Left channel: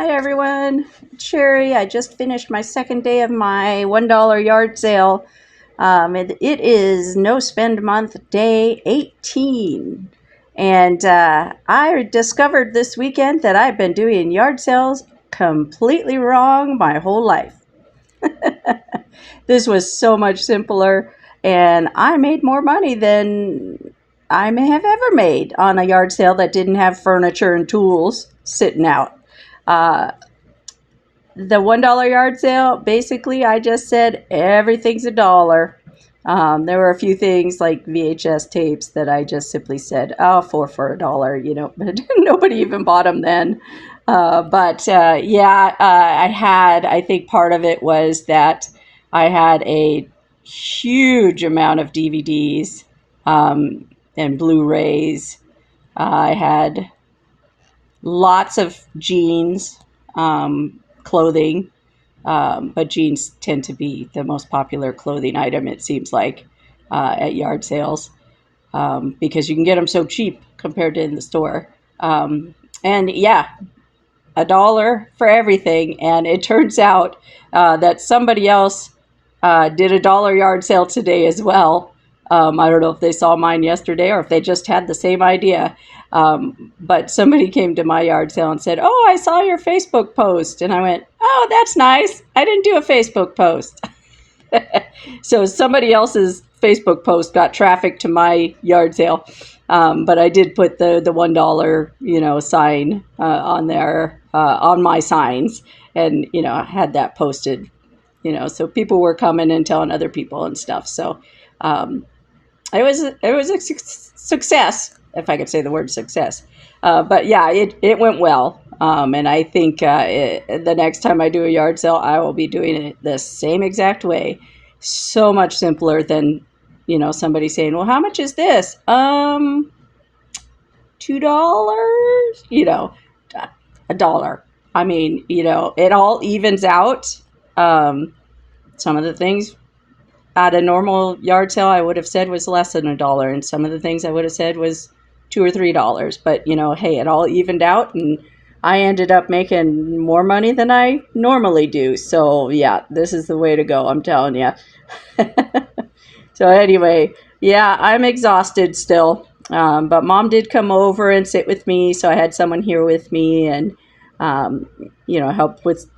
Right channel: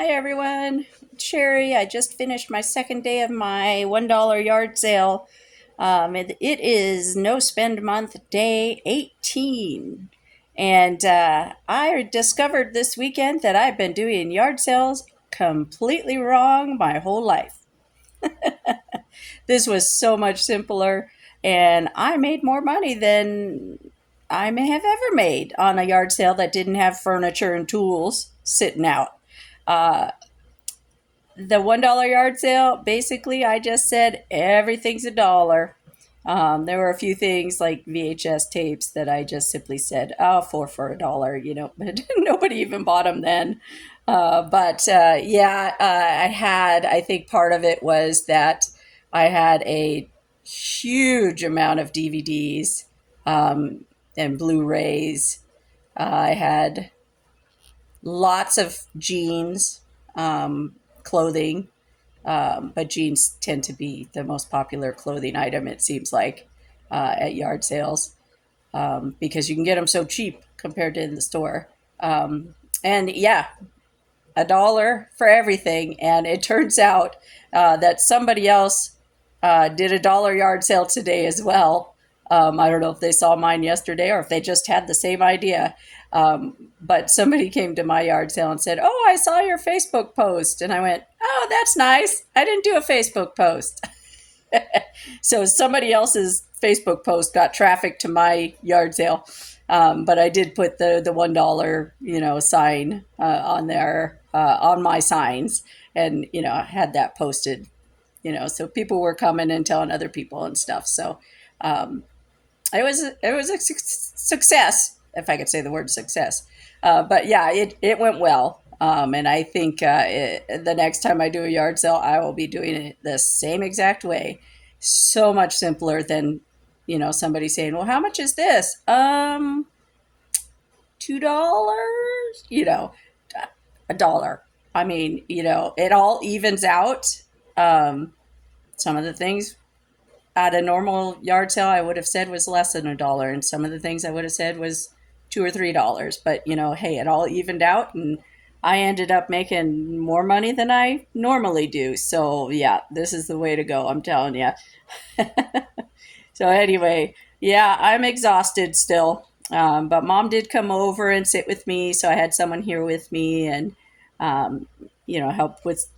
Hi everyone, Sherry. I just finished my second day of my $1 yard sale. It is no spend month day 18. And I discovered this weekend that I've been doing yard sales completely wrong my whole life. This was so much simpler, and I made more money than I may have ever made on a yard sale that didn't have furniture and tools sitting out. Uh, the $1 yard sale, basically, I just said everything's a dollar. There were a few things like VHS tapes that I just simply said, oh, for a dollar, but nobody even bought them then. I think part of it was that I had a huge amount of DVDs and Blu-rays. I had lots of jeans, clothing, but jeans tend to be the most popular clothing item, it seems like, at yard sales, because you can get them so cheap compared to in the store. And yeah, a dollar for everything. And it turns out that somebody else did a dollar yard sale today as well. I don't know if they saw mine yesterday or if they just had the same idea. But somebody came to my yard sale and said, "Oh, I saw your Facebook post." And I went, "Oh, that's nice. I didn't do a Facebook post." So somebody else's Facebook post got traffic to my yard sale. But I did put the $1, sign on there, on my signs, and, I had that posted, so people were coming and telling other people and stuff. So it was a success, if I could say the word success. But yeah, it went well. And I think the next time I do a yard sale, I will be doing it the same exact way. So much simpler than, somebody saying, "Well, how much is this?" $2, a dollar. I mean, it all evens out. Some of the things at a normal yard sale I would have said was less than a dollar, and some of the things I would have said was $2 or $3. But hey, it all evened out, and I ended up making more money than I normally do. So yeah, this is the way to go, I'm telling you. So anyway, yeah, I'm exhausted still. But mom did come over and sit with me, so I had someone here with me and help with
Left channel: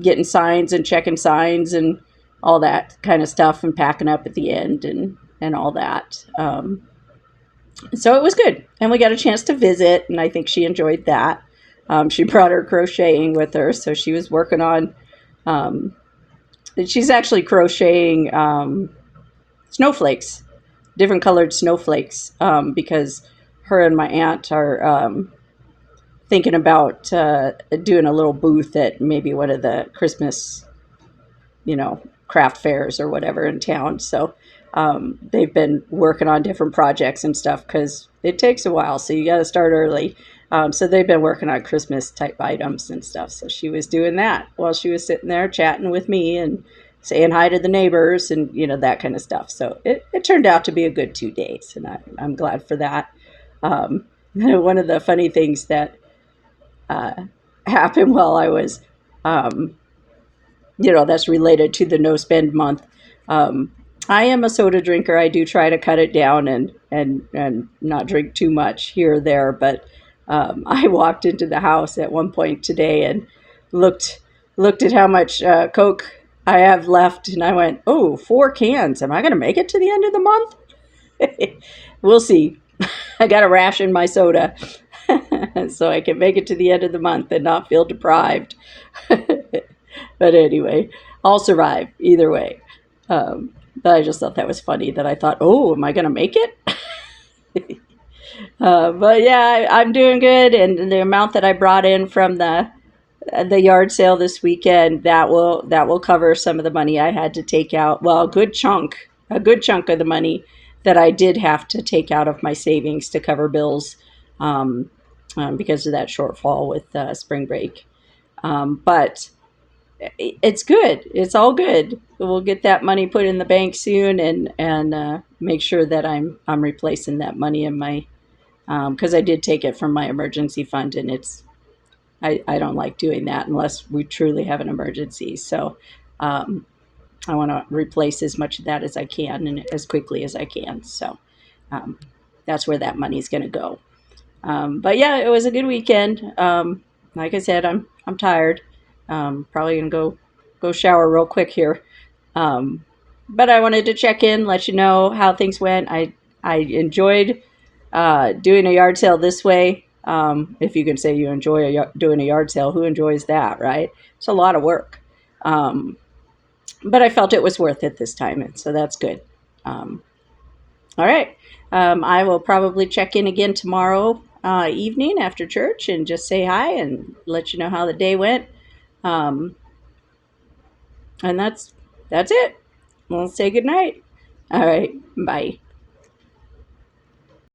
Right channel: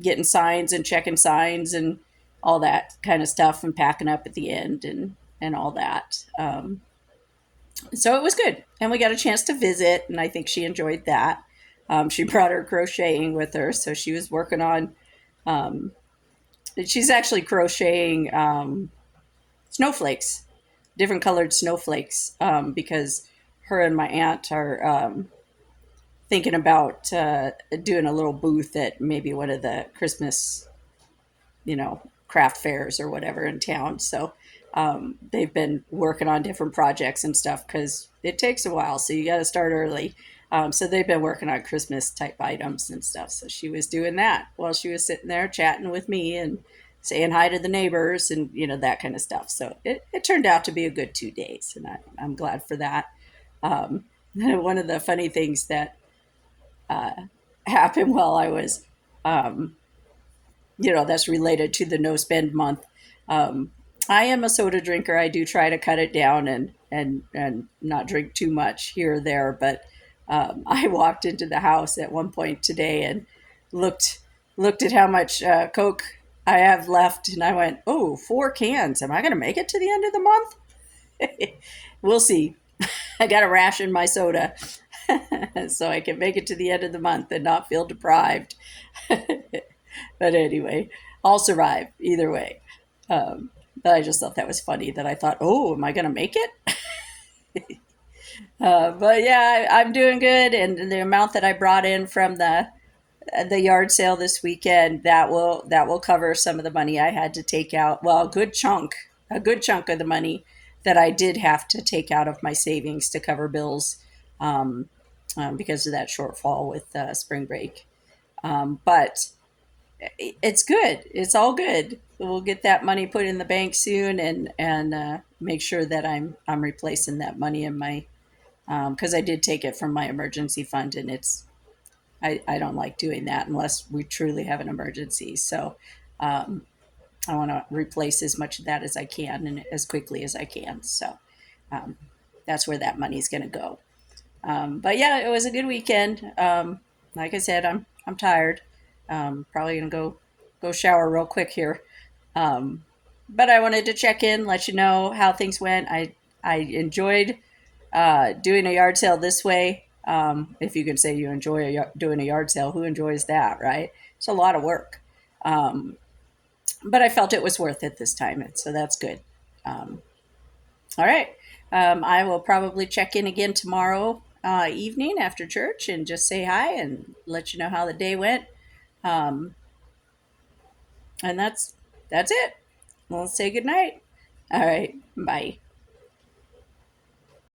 getting signs and checking signs and all that kind of stuff and packing up at the end and all that. So it was good. And we got a chance to visit, and I think she enjoyed that. She brought her crocheting with her, so she was working on, she's actually crocheting snowflakes, different colored snowflakes, because her and my aunt are thinking about doing a little booth at maybe one of the Christmas, craft fairs or whatever in town. So they've been working on different projects and stuff because it takes a while. So you got to start early. So they've been working on Christmas type items and stuff. So she was doing that while she was sitting there chatting with me and saying hi to the neighbors and, that kind of stuff. So it turned out to be a good 2 days, and I'm glad for that. One of the funny things that happened while I was, that's related to the no spend month. I am a soda drinker. I do try to cut it down and not drink too much here or there. But I walked into the house at one point today and looked at how much Coke I have left, and I went, "Oh, 4 cans. Am I going to make it to the end of the month?" We'll see. I got to ration my soda so I can make it to the end of the month and not feel deprived. But anyway, I'll survive either way. But I just thought that was funny that I thought, "Oh, am I going to make it?" But yeah, I'm doing good. And the amount that I brought in from the yard sale this weekend, that will cover some of the money I had to take out. Well, a good chunk of the money that I did have to take out of my savings to cover bills, because of that shortfall with spring break. But it's good. It's all good. We'll get that money put in the bank soon, and make sure that I'm replacing that money in my, because I did take it from my emergency fund, and I don't like doing that unless we truly have an emergency. So um, I want to replace as much of that as I can and as quickly as I can. So um, that's where that money is going to go. But yeah, it was a good weekend. Like I said, I'm tired. Probably gonna go shower real quick here. Um, but I wanted to check in, let you know how things went. I enjoyed doing a yard sale this way. If you can say you enjoy doing a yard sale, who enjoys that, right? It's a lot of work. Um, but I felt it was worth it this time, and so that's good. Um, all right. I will probably check in again tomorrow evening after church and just say hi and let you know how the day went. Um, and that's it. We'll say good night. All right. Bye.